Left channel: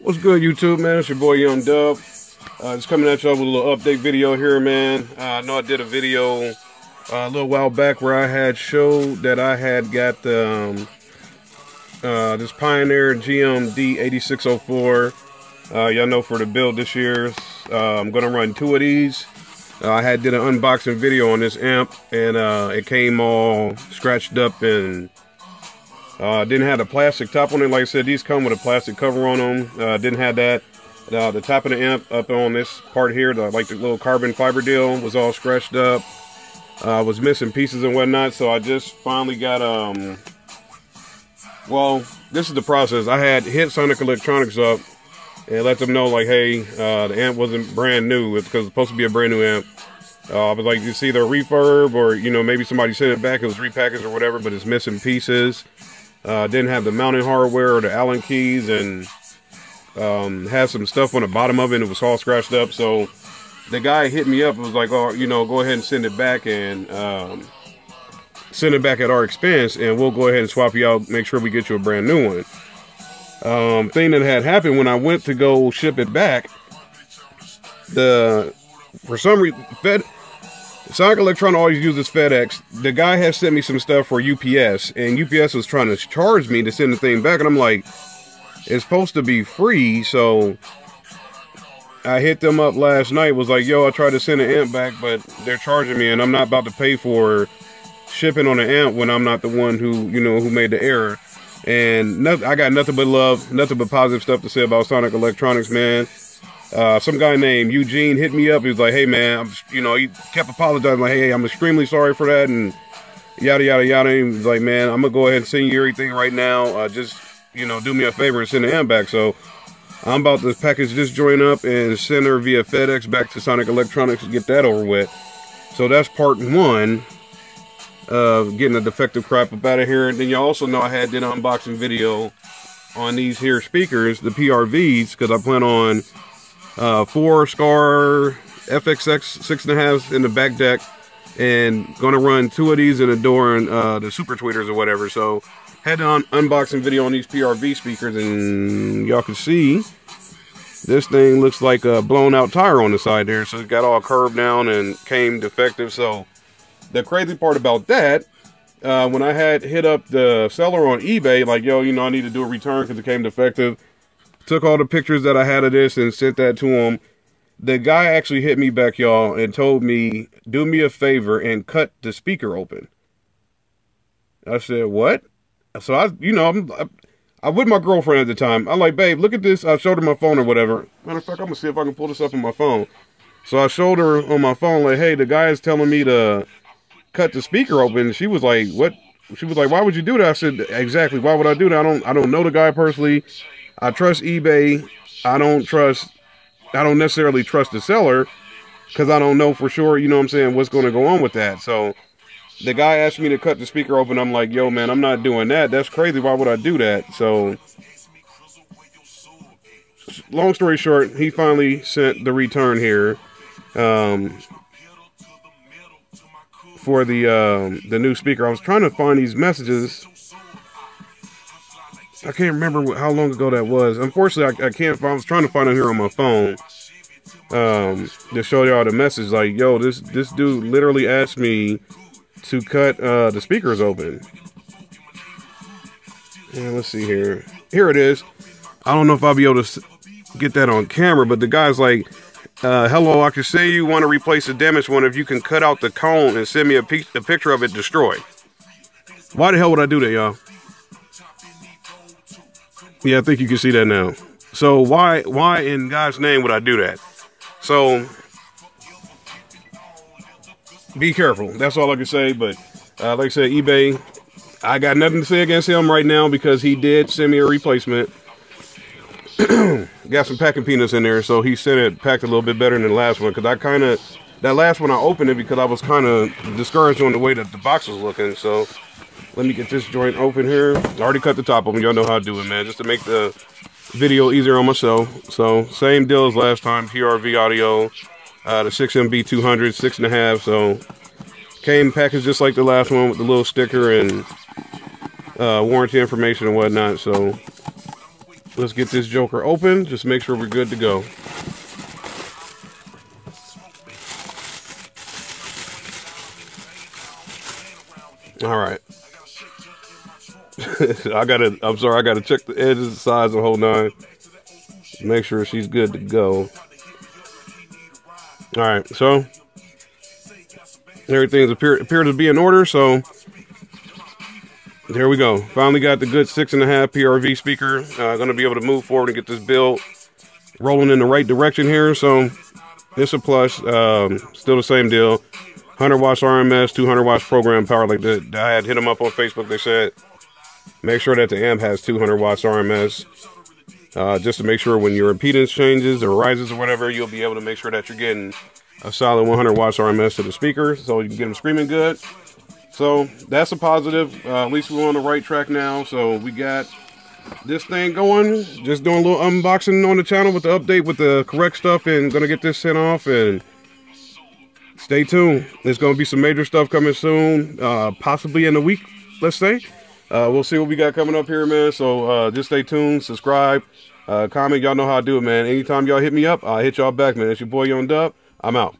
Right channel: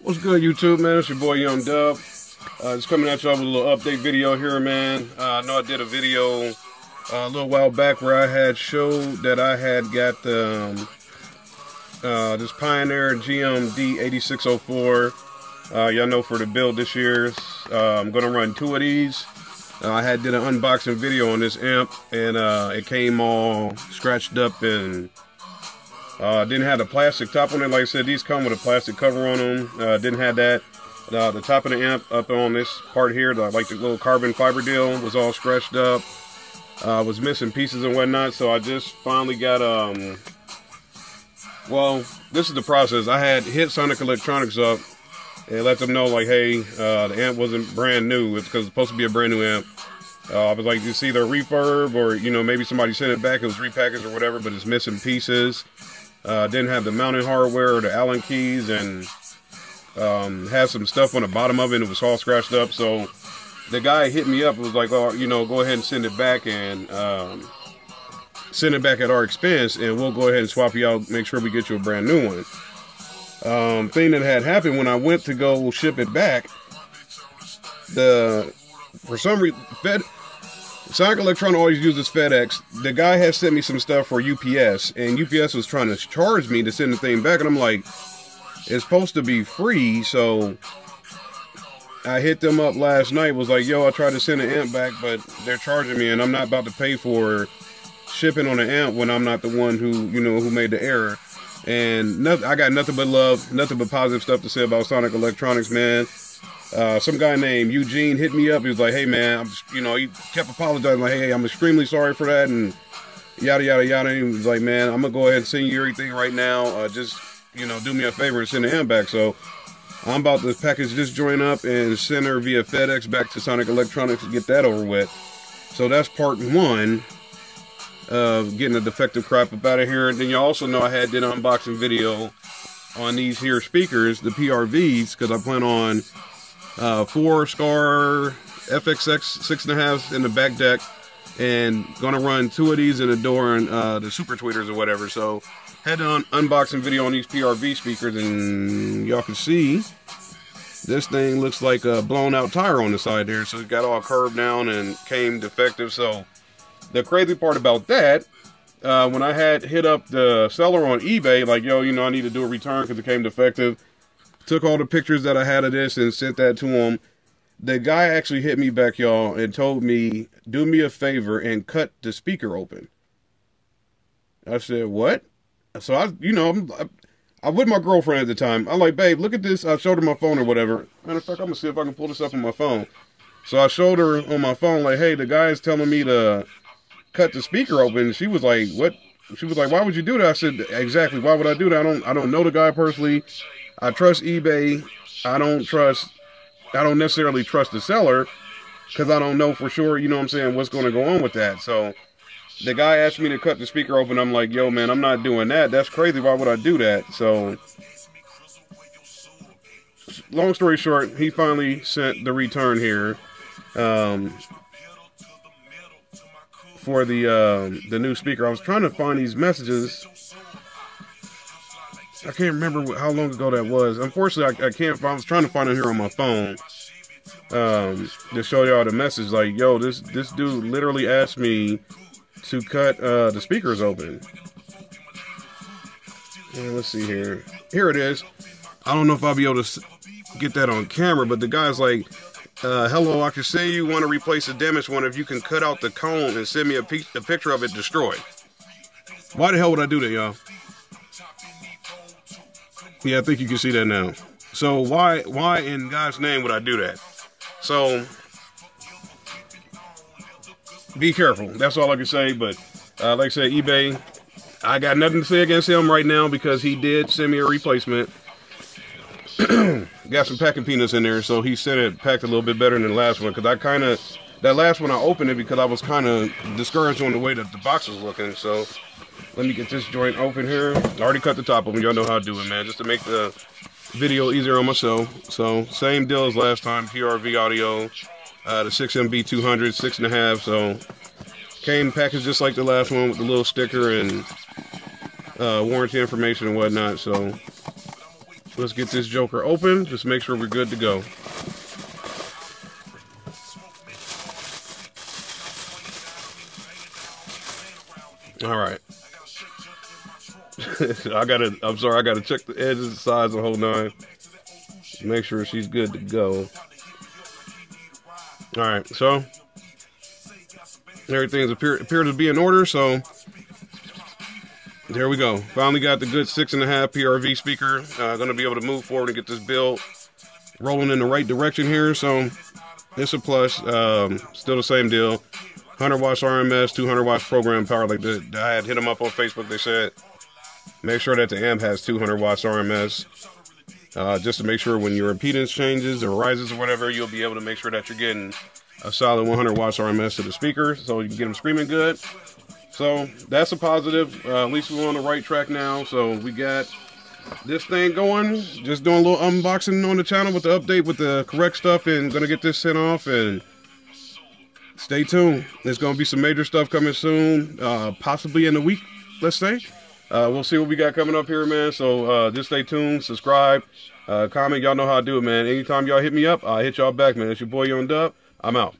What's good, YouTube, man? It's your boy Young Dub. Just coming at y'all with a little update video here, man. I know I did a video a little while back where I had showed that I had got this Pioneer GMD 8604. Y'all know for the build this year, I'm gonna run 2 of these. I did an unboxing video on this amp, and it came all scratched up and didn't have the plastic top on it. Like I said, these come with a plastic cover on them. Didn't have that. The top of the amp up on this part here, like the little carbon fiber deal, was all scratched up. Was missing pieces and whatnot. So I just finally got well, this is the process. I had hit Sonic Electronics up and let them know, like, hey, the amp wasn't brand new. It's because it's supposed to be a brand new amp. I was like, it's either a refurb or, you know, maybe somebody sent it back, it was repackaged or whatever, but it's missing pieces. Didn't have the mounting hardware or the Allen keys, and had some stuff on the bottom of it, and it was all scratched up. So the guy hit me up and was like, oh, you know, go ahead and send it back, and send it back at our expense, and we'll go ahead and swap you out, make sure we get you a brand new one. Thing that had happened when I went to go ship it back, for some reason, Sonic Electronics always uses FedEx. The guy has sent me some stuff for UPS, and UPS was trying to charge me to send the thing back, and I'm like, it's supposed to be free. So I hit them up last night, was like, yo, I tried to send an amp back, but they're charging me, and I'm not about to pay for shipping on an amp when I'm not the one who, you know, who made the error. And I got nothing but love, nothing but positive stuff to say about Sonic Electronics, man. Some guy named Eugene hit me up. He was like, hey, man, you know, he kept apologizing, like, hey, I'm extremely sorry for that, and yada, yada, yada. And he was like, man, I'm going to go ahead and send you everything right now. Just, you know, do me a favor and send the amp back. So I'm about to package this joint up and send her via FedEx back to Sonic Electronics to get that over with. So that's part one of getting the defective crap up out of here. And then you also know I had an unboxing video on these here speakers, the PRVs, because I plan on 4 Scar FXX 6.5s in the back deck, and gonna run 2 of these in the door and the super tweeters or whatever. So had an unboxing video on these PRV speakers, and y'all can see this thing looks like a blown out tire on the side there. So it got all curved down and came defective. So the crazy part about that, when I had hit up the seller on eBay, like, yo, you know, I need to do a return because it came defective. Took all the pictures that I had of this and sent that to him. The guy actually hit me back, y'all, and told me, do me a favor and cut the speaker open. I said, what? So I'm with my girlfriend at the time. I'm like, babe, look at this. I showed her my phone or whatever. Matter of fact, I'm gonna see if I can pull this up on my phone. So I showed her on my phone, like, hey, the guy is telling me to cut the speaker open. She was like, what? She was like, why would you do that? I said, exactly, why would I do that? I don't know the guy personally. I trust eBay. I don't necessarily trust the seller because I don't know for sure, you know what I'm saying, what's going to go on with that. So the guy asked me to cut the speaker open. I'm like, yo, man, I'm not doing that. That's crazy. Why would I do that? So long story short, he finally sent the return here for the new speaker. I was trying to find these messages. I can't remember how long ago that was. Unfortunately, I can't find. I was trying to find it here on my phone to show y'all the message. Like, yo, this dude literally asked me to cut the speakers open. And let's see here. Here it is. I don't know if I'll be able to get that on camera, but the guy's like, hello, I can say you want to replace the damaged one. If you can cut out the cone and send me a picture of it destroyed. Why the hell would I do that, y'all? Yeah, I think you can see that now. So why in God's name would I do that? So be careful. That's all I can say. But like I said, eBay, I got nothing to say against him right now because he did send me a replacement. Got some packing peanuts in there, so he sent it packed a little bit better than the last one. Because that last one I opened it because I was kind of discouraged on the way that the box was looking. So let me get this joint open here. I already cut the top of them. Y'all know how to do it, man. Just to make the video easier on myself. So same deal as last time. PRV audio, the 6MB 200, 6.5. So came packaged just like the last one with the little sticker and warranty information and whatnot. So Let's get this joker open. Just make sure we're good to go. All right. I'm sorry, I gotta check the edges, the size, the whole nine. Make sure she's good to go. All right, so everything's appear to be in order. So there we go. Finally got the good 6.5 PRV speaker. Gonna be able to move forward and get this build rolling in the right direction here. So it's a plus. Still the same deal. 100 watts RMS, 200 watts program power. Like that, I had hit them up on Facebook. They said make sure that the amp has 200 watts RMS, just to make sure when your impedance changes or rises or whatever, you'll be able to make sure that you're getting a solid 100 watts RMS to the speaker, so you can get them screaming good. So that's a positive. At least we're on the right track now. So we got this thing going. Just doing a little unboxing on the channel with the update with the correct stuff, and gonna get this sent off. And stay tuned. There's going to be some major stuff coming soon, possibly in a week, let's say. We'll see what we got coming up here, man. So just stay tuned, subscribe, comment. Y'all know how I do it, man. Anytime y'all hit me up, I'll hit y'all back, man. It's your boy Young Dub. I'm out.